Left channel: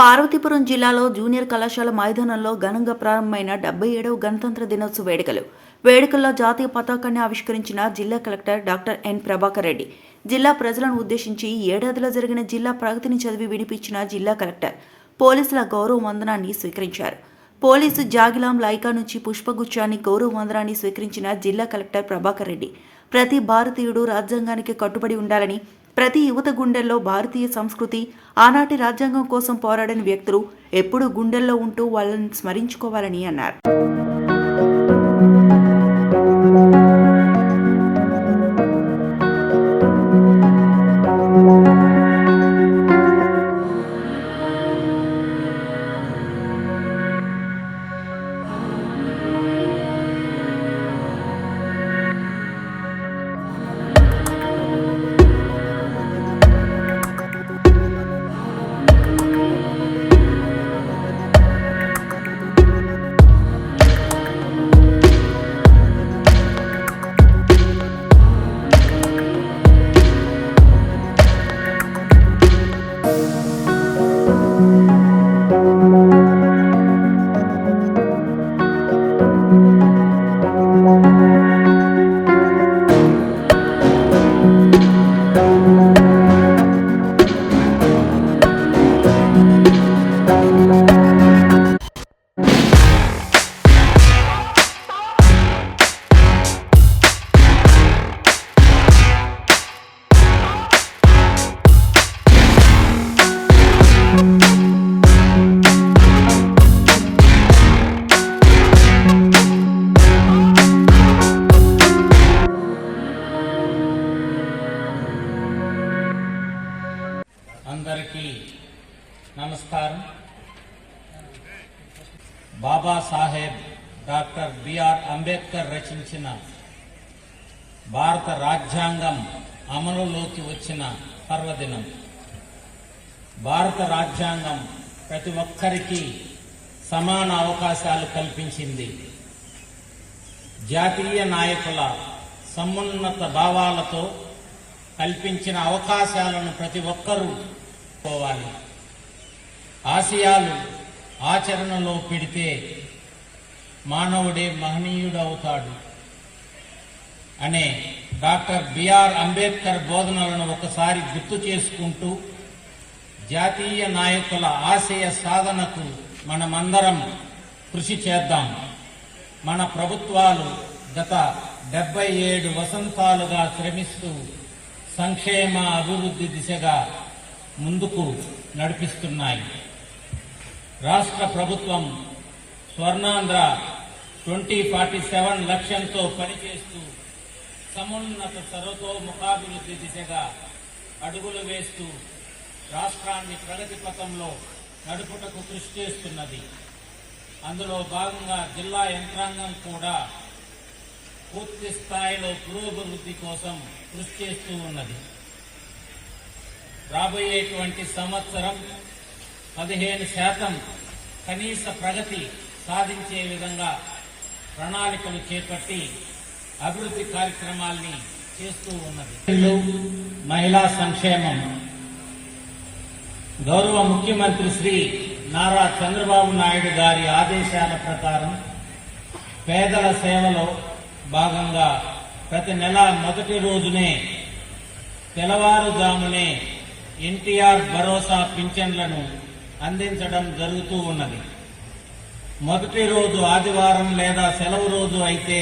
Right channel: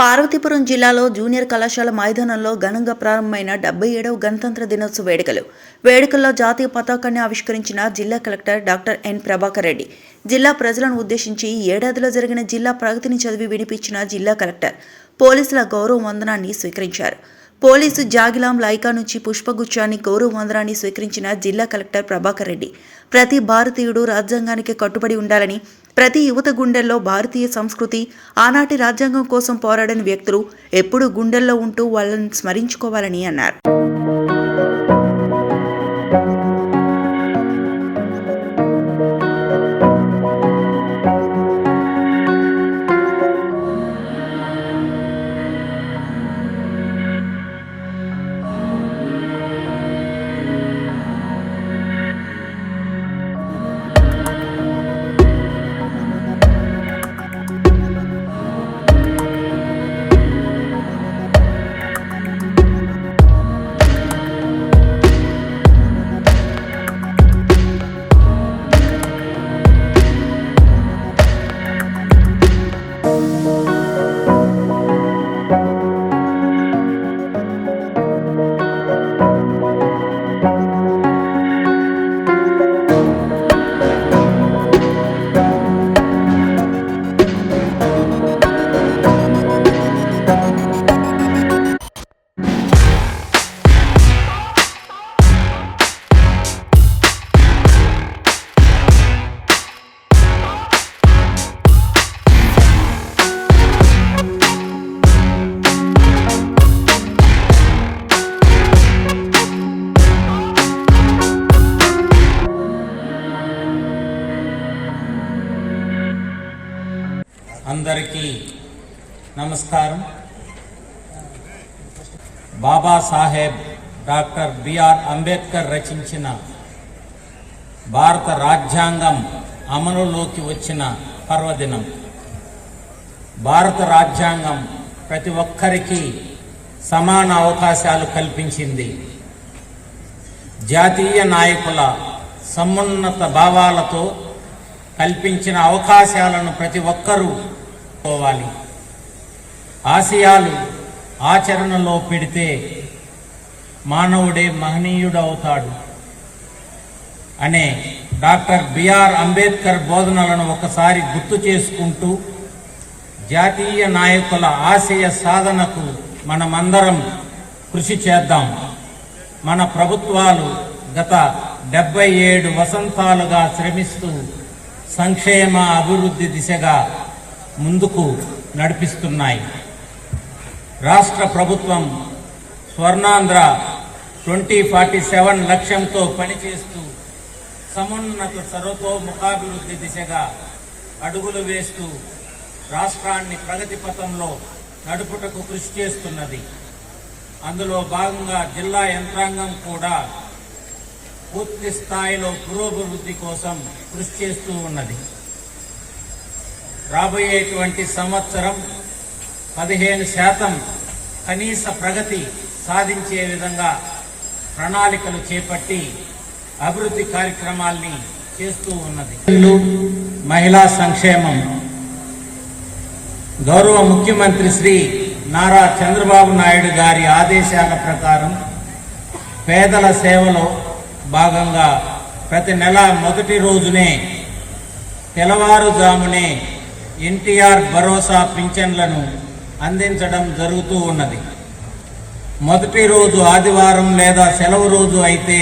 పార్వతీపురం జిల్లాలో జూనియర్ కళాశాల మైదానంలో ఘనంగా ప్రారంభమైన డెబ్బై ఏడవ గణతంత్ర దినోత్సవ వేడుకలు. వేడుకల్లో జాతీయ పతాకాన్ని ఆవిష్కరించిన జిల్లా collector doctor N Prabhakar Reddy. జిల్లా ప్రజలను ఉద్దేశించి ఏడాదిలో జరిగిన జిల్లా ప్రగతిని చదివి వినిపించిన జిల్లా కలెక్టర్ పోలీసుల గౌరవ వందనాన్ని స్వీకరించారు. పోలీసు జాగిలాం లైకా నుంచి పుష్పగుచ్చాన్ని గౌరవ వందనాన్ని స్వీకరించిన జిల్లా కలెక్టర్ ప్రభాకర్ రెడ్డి. ప్రతి భారతీయుడు రాజ్యాంగానికి కట్టుబడి ఉండాలని ప్రతి యువత గుండెల్లో భారతీయ సంస్కృతి ఆనాటి రాజ్యాంగం కోసం పోరాడిన వ్యక్తులు ఎప్పుడూ గుండెల్లో ఉంటూ వాళ్ళని స్మరించుకోవాలని అన్నారు. అందరికీ నమస్కారం. బాబాసాహెబ్ డాక్టర్ బిఆర్ అంబేద్కర్ రచించిన భారత రాజ్యాంగం అమలులోకి వచ్చిన పర్వదినం. భారత రాజ్యాంగం ప్రతి ఒక్కరికి సమాన అవకాశాలు కల్పించింది. జాతీయ నాయకుల సమున్నత భావాలతో కల్పించిన అవకాశాలను ప్రతి ఒక్కరూ పోవాలి ఆశయాలు ఆచరణలో పెడితే మానవుడే మహనీయుడవుతాడు. అనే డాక్టర్ బిఆర్ అంబేద్కర్ బోధనలను ఒకసారి గుర్తు చేసుకుంటూ జాతీయ నాయకుల ఆశయ సాధనకు మనమందరం కృషి చేద్దాం. మన ప్రభుత్వాలు గత డెబ్బై ఏడు వసంతాలుగా శ్రమిస్తూ సంక్షేమ అభివృద్ధి దిశగా ముందుకు నడిపిస్తున్నాయి. రాష్ట్ర ప్రభుత్వం స్వర్ణాంధ్ర ట్వంటీ ఫార్టీ సెవెన్ లక్ష్యంతో పనిచేస్తూ సమున్నత సర్వతోముఖాభివృద్ధి దిశగా అడుగులు వేస్తూ రాష్ట్రాన్ని ప్రగతి పథంలో నడుపుటకు కృషి చేస్తున్నది. అందులో భాగంగా జిల్లా యంత్రాంగం కూడా పూర్తి స్థాయిలో పురోభివృద్ధి కోసం కృషి చేస్తూ ఉన్నది. రాబోయేటువంటి సంవత్సరం పదిహేను శాతం కనీస ప్రగతి సాధించే విధంగా ప్రణాళికలు చేపట్టి అభివృద్ధి కార్యక్రమాల్ని చేస్తూ ఉన్నది. మహిళా సంక్షేమం. గౌరవ ముఖ్యమంత్రి శ్రీ నారా చంద్రబాబు నాయుడు గారి ఆదేశాల ప్రకారం పేదల సేవలో భాగంగా ప్రతి నెల మొదటి రోజునే తెల్లవారుజామునే ఎన్టీఆర్ భరోసా పింఛన్లను అందించడం జరుగుతూ ఉన్నది. మొదటి రోజు ఆదివారం లేదా సెలవు రోజు అయితే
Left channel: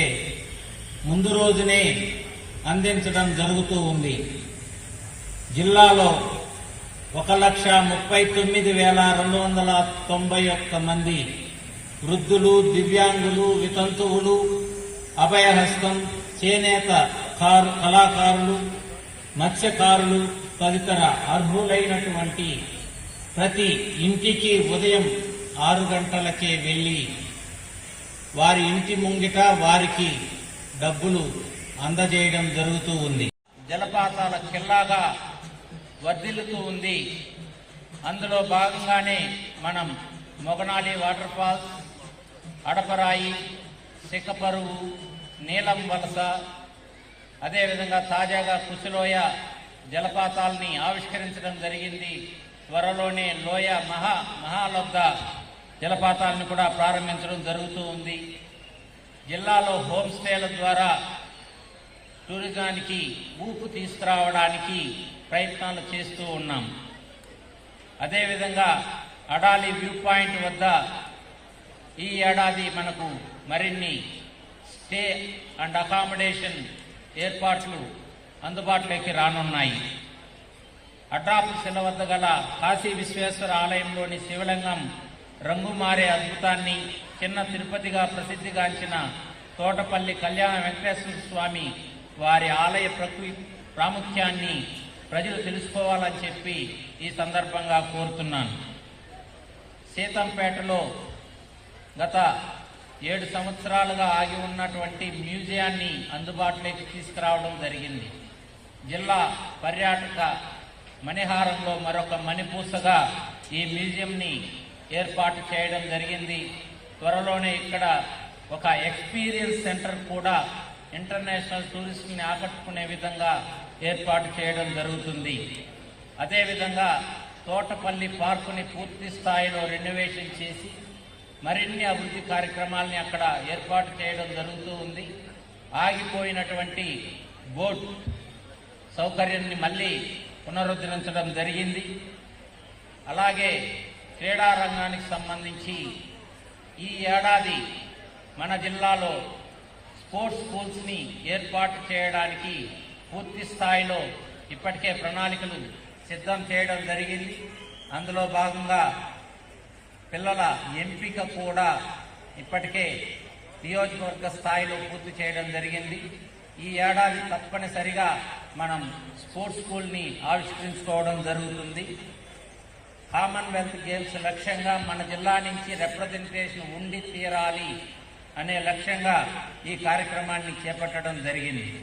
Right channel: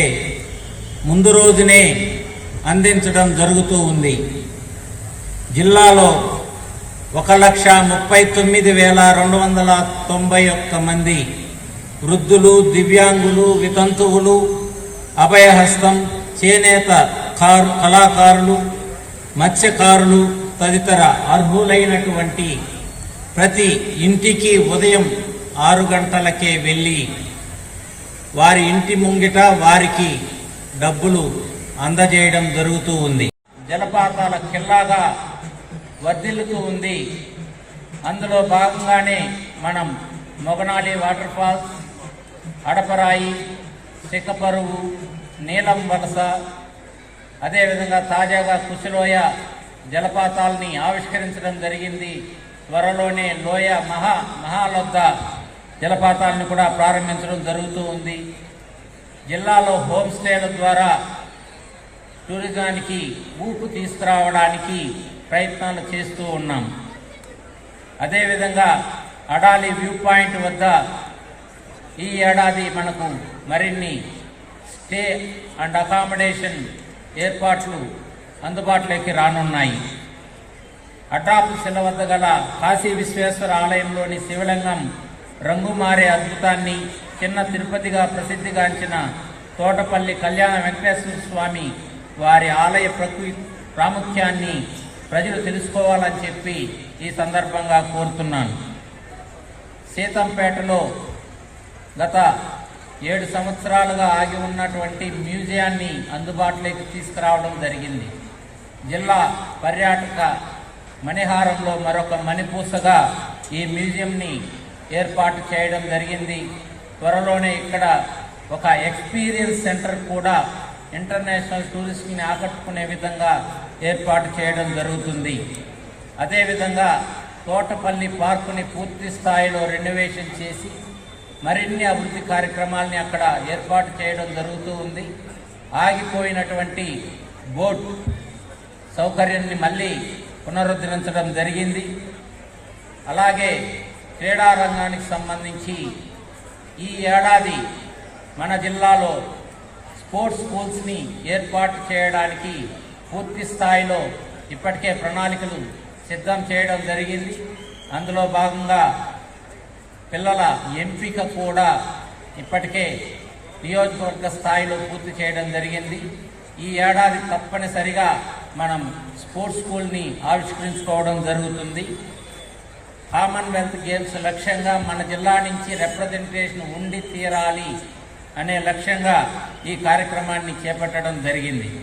ముందు రోజునే అందించడం జరుగుతూ ఉంది. జిల్లాలో ఒక లక్ష ముప్పై తొమ్మిది వేల రెండు వందల తొంభై ఒక్క మంది వృద్ధులు దివ్యాంగులు వితంతువులు అభయహస్తం చేనేత కారు కళాకారులు మత్స్యకారులు తదితర అర్హులైనటువంటి ప్రతి ఇంటికి ఉదయం ఆరు గంటలకే వెళ్ళి వారి ఇంటి ముంగిట వారికి డబ్బులు అందజేయడం జరుగుతూ ఉంది. జలపాతాల కిల్లాగా వర్ధిల్లుతూ ఉంది. అందులో భాగంగానే మనం మొగనాలి వాటర్ ఫాల్స్ అడపరాయి తిక్కపరువు నీలం వలస అదేవిధంగా తాజాగా కుసిలోయ జలపాతాల్ని ఆవిష్కరించడం జరిగింది. త్వరలోనే లోయ మహా మహాలబ్ధ జలపాతాలను కూడా ప్రారంభించడం జరుగుతూ ఉంది. జిల్లాలో హోమ్ స్టేల ద్వారా టూరిజానికి ఊపు తీసుకురావడానికి ప్రయత్నాలు చేస్తూ ఉన్నాం. అదేవిధంగా అడాలి వ్యూ పాయింట్ వద్ద ఈ ఏడాది మనకు మరిన్ని స్టే అండ్ అకామిడేషన్ ఏర్పాట్లు అందుబాటులోకి రానున్నాయి. అటాప్ శిల వద్ద గల కాశీ విశ్వేశ్వర ఆలయంలోని శివలింగం రంగు మారే అద్భుతాన్ని చిన్న తిరుపతిగా ప్రసిద్ధిగాంచిన తోటపల్లి కళ్యాణ వెంకటేశ్వర స్వామి వారి ఆలయ ప్రకృతి ప్రాముఖ్యాన్ని ప్రజలు తెలుసుకోవాలని చెప్పి ఈ సందర్భంగా కోరుతున్నాను. సీతంపేటలో గత ఏడు సంవత్సరాలుగా ఆగి ఉన్నటువంటి మ్యూజియాన్ని అందుబాటులోకి తీసుకురావడం జరిగింది. జిల్లా పర్యాటక మణిహారంలో మరొక మణిపూసగా ఈ మ్యూజియంని ఏర్పాటు చేయడం జరిగింది. త్వరలోనే ఇక్కడ ఒక ఎక్స్పీరియన్స్ సెంటర్ కూడా ఇంటర్నేషనల్ టూరిస్ట్ని ఆకట్టుకునే విధంగా ఏర్పాటు చేయడం జరుగుతుంది. అదేవిధంగా తోటపల్లి పార్కుని పూర్తి స్థాయిలో రెనోవేషన్ చేసి మరిన్ని అభివృద్ధి కార్యక్రమాల్ని అక్కడ ఏర్పాటు చేయడం జరుగుతూ ఉంది. ఆగిపోయినటువంటి బోట్ సౌకర్యాన్ని మళ్ళీ పునరుద్ధరించడం జరిగింది. అలాగే క్రీడా రంగానికి సంబంధించి ఈ ఏడాది మన జిల్లాలో స్పోర్ట్స్ స్కూల్స్ని ఏర్పాటు చేయడానికి పూర్తి స్థాయిలో ఇప్పటికే ప్రణాళికలు సిద్ధం చేయడం జరిగింది. అందులో భాగంగా పిల్లల ఎంపిక కూడా ఇప్పటికే నియోజకవర్గ స్థాయిలో పూర్తి చేయడం జరిగింది. ఈ ఏడాది తప్పనిసరిగా మనం స్పోర్ట్స్ స్కూల్ని ఆవిష్కరించుకోవడం జరుగుతుంది. కామన్వెల్త్ గేమ్స్ లక్ష్యంగా మన జిల్లా నుంచి రిప్రజెంటేషన్ ఉండి తీరాలి అనే లక్ష్యంగా ఈ కార్యక్రమాన్ని చేపట్టడం జరిగింది.